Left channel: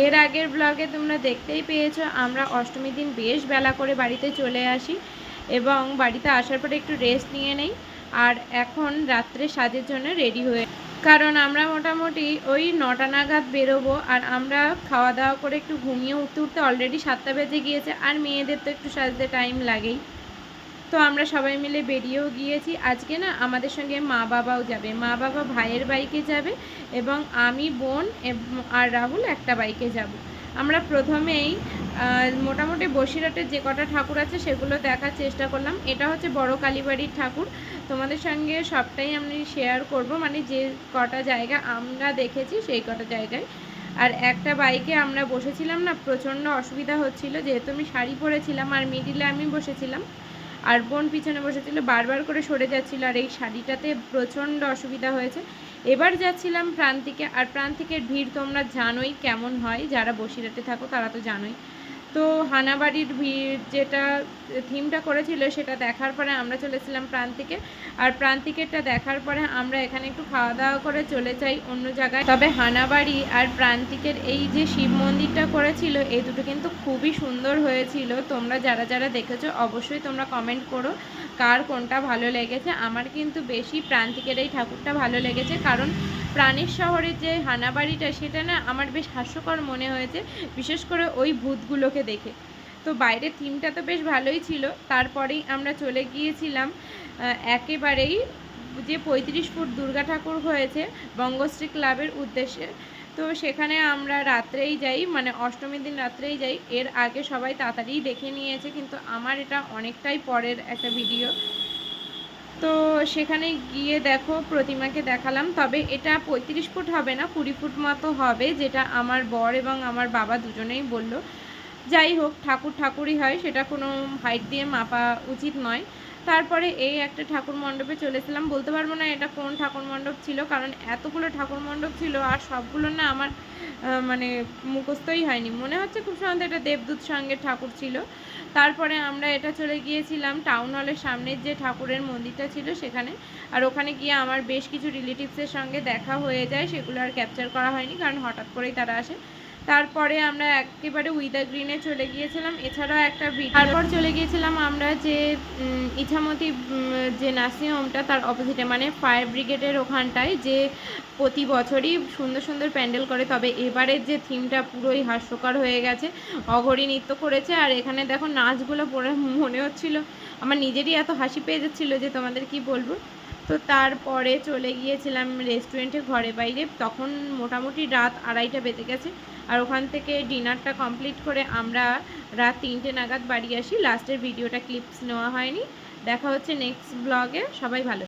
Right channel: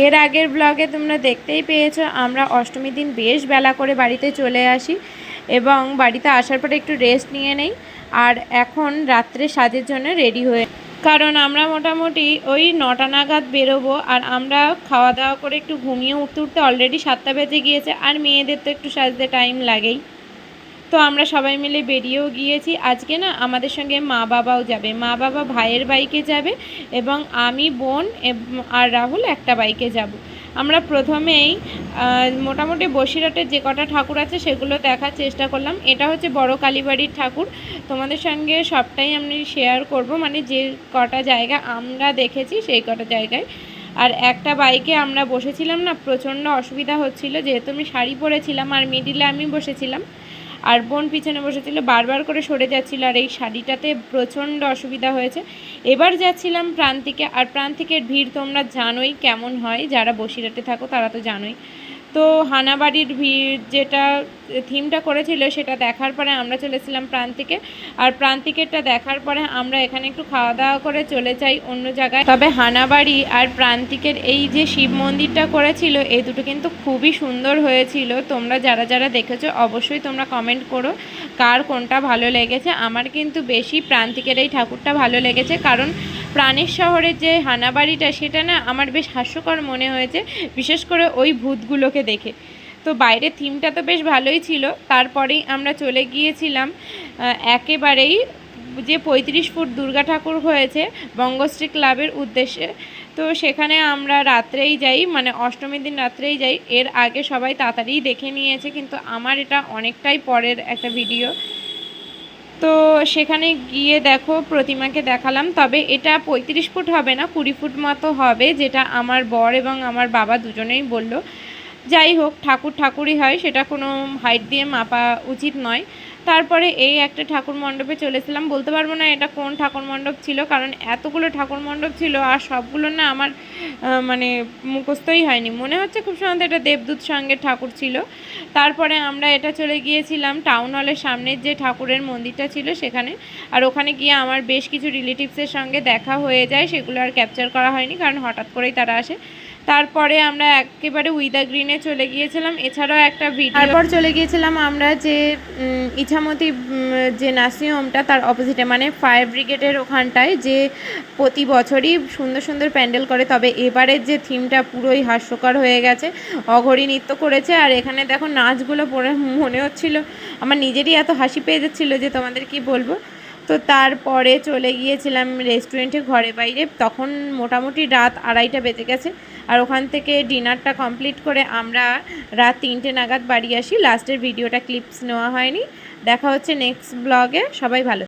এর আগের ব্লগে তোমরা দেখতেই পেয়েছো আমরা অষ্টমীর দিন বেশ বেলা করে বাড়িতে চলে আসি এবং বাড়িতে আসার পরে একটু রেস্ট নিয়ে নেই। আর এখন রাত্রে সাজের জন্য রেডি হয়ে, কারণ আমরা মোটামুটি ওই 9টা নাগাদ বেরোবো। আর আমরা খাওয়া দাওয়া করে একটু ঘুমিয়ে উঠতে উঠতে অলরেডি 7টা বেজে গিয়েছে। আর মেয়েদের তো একটু সাজতে টাইম লাগেই। তো আমরা সবাই মিলে বেরিয়েও গিয়েছি। আজকে না আমাদের সঙ্গে মা বাবাও যাবে, মা বাবা ভাইয়ের বাইকে যাবে এবং আমি, বোন আর রাহুল একটা বাইকে যাব। আমরা প্রথমেই মোটামুটি বসিরহাটের যে কটা ঠাকুর আছে সেগুলো দেখার চেষ্টা করলাম। এটা হচ্ছে বড় কালীবাড়ির ঠাকুর। তোমাদের সঙ্গে সবটাই আমি শেয়ার করব, মানে যে কটা জায়গা আমরা দেখেছি সেই কটা জায়গায়। আর একটা বাইকে আমরা বসেছিলাম না, প্রচণ্ড অসুবিধা হচ্ছিল, যেহেতু আমি শাড়ি পরেছিলাম আর মিডিলে আমি বসেছিলাম আর বোন পিছনে বসেছিল, বারবার করে সরে যাচ্ছিল আর এই শাড়িটাতে প্রচণ্ড অসুবিধা হয়েছে। এবার যাচ্ছিলাম প্রান্তিকে, আর প্রান্তিকের ভিড় তোমরা জানোই কেমন হয়, যারা বসিরহাটে থাকো তারা তো জানোই। তো হানাবাড়ির ভিড় যেটা থিমটা করেছিল সেটা দেখার পরে আমরা চলেছিলাম প্রান্তিকে। আর প্রান্তিকেরটা দেখার পরে আমরা এখানে একটু খাওয়া দাওয়া করে চলে যাই অন্য জায়গায়। তবে হানাবাড়ি আর প্রান্তিকের এই যে শিব মন্দিরটা করেছিল এই দুটো কিন্তু খুবই সুন্দর হয়েছিল। তোমরা যারা যারা দেখেছো অবশ্যই তোমরা কমেন্ট করো কার কোনটা ভালো লেগেছে। আমার কিন্তু বেশি প্রান্তিকের এই ঠাকুরটা ভালো লেগেছে, কারণ প্রাণের শহরের যে হানাবাড়িটা সেটা না আমার বেশ হাস্যকর মনে হয়েছে, বিশেষ করে ওই ভূতগুলোকে দেখে। তো বাইরের থিমটা তো বেশ ভালোই ছিল। তারপরেই আমরা চলে গিয়েছিলাম একেবারেই যে 35 ফুট দুর্গা ঠাকুর হয়েছে বঙ্গশ্রী ক্লাবের উদ্দেশ্যে। তো সেখানে আমরা রাত্রেই যাই, মানে অষ্টমীর দিন রাত্রেই যাই। এর আগে সবাই তাড়াতাড়ি দেখে নিয়েছে, কিন্তু আমার এটা অনেকটাই পরের একটা ভিডিও। তো সেখানে গিয়ে দেখো প্রতিমাকে দেখালাম, তবে এটা 35 ফুট হবে না, 20 ফুট মতো হবে, যেটা আমার বর এবং আমার বাবা দুজনেই বলল। যাই হোক, ঠাকুর ঠাকুরই হয়, সেটা কোনো হাইট দিয়ে মাপা উচিত নয়। তারপরে এই একটা ঠাকুর মণ্ডপে চলেছিলাম, বলতে পারবো না এটা কোন ঠাকুর মণ্ডপ ছিল, কারণ এতগুলো ঠাকুর মণ্ডপ ছিল আর সবগুলো না আমার মানে মুখস্থই হয়নি। মনে হচ্ছে খুব সম্ভবত এটা দেবদূত সঙ্গের ঠাকুর ছিল। তারপরে আমরা এটা চলে গিয়েছিলাম টাউন হলের সামনের যে ঠাকুরের মন্দিরটা ছিল সেখানে। আর ওখানে গিয়ে আমার বেশ কিছু রিলেটিভসের সঙ্গে দেখা হয়ে যায়, সেগুলো আর ক্যাপচার করা হয়নি কারণ হঠাৎ করেই তারা আসে। তারপরে আমরা একেবারে উইদা গ্রিনে চলে গিয়েছিলাম, এছাড়াও একটা ভিডিও। তারপর চলে গিয়েছিলাম আমরা যে ইছামতি যে নার্সিংহোমটা তার অপোজিটে, মানে ফায়ার ব্রিগেডের ওখানটায়, যে প্রতি বছরই সুন্দর সুন্দর প্যান্ডেল করে। তবে এবারের যে থিমটা পুরোই হাস্যকর হয়ে গেছে, অঘরী নৃত্য করেছে। আর এখানে দেখো নাচগুলো পড়ে মনে হচ্ছিল আমার নিজেরই এত হাসি পেয়ে যাচ্ছিলো যে তোমাদের কি বলবো। তো তারপরে চলে গিয়েছিলাম রেস্টুরেন্টে ঘরে বাইরে, তখন মোটামুটি রাত 2:30 বেজে গেছে। আর ওখান থেকে ডিনারটা কমপ্লিট করে আমরা রাত 3টে নাগাদ বাড়ি আসি। লাস্টের ভিডিওটা ক্লিপস নেওয়া হয়নি। দেখা হচ্ছে নেক্সট ব্লগে, সবাই ভালো।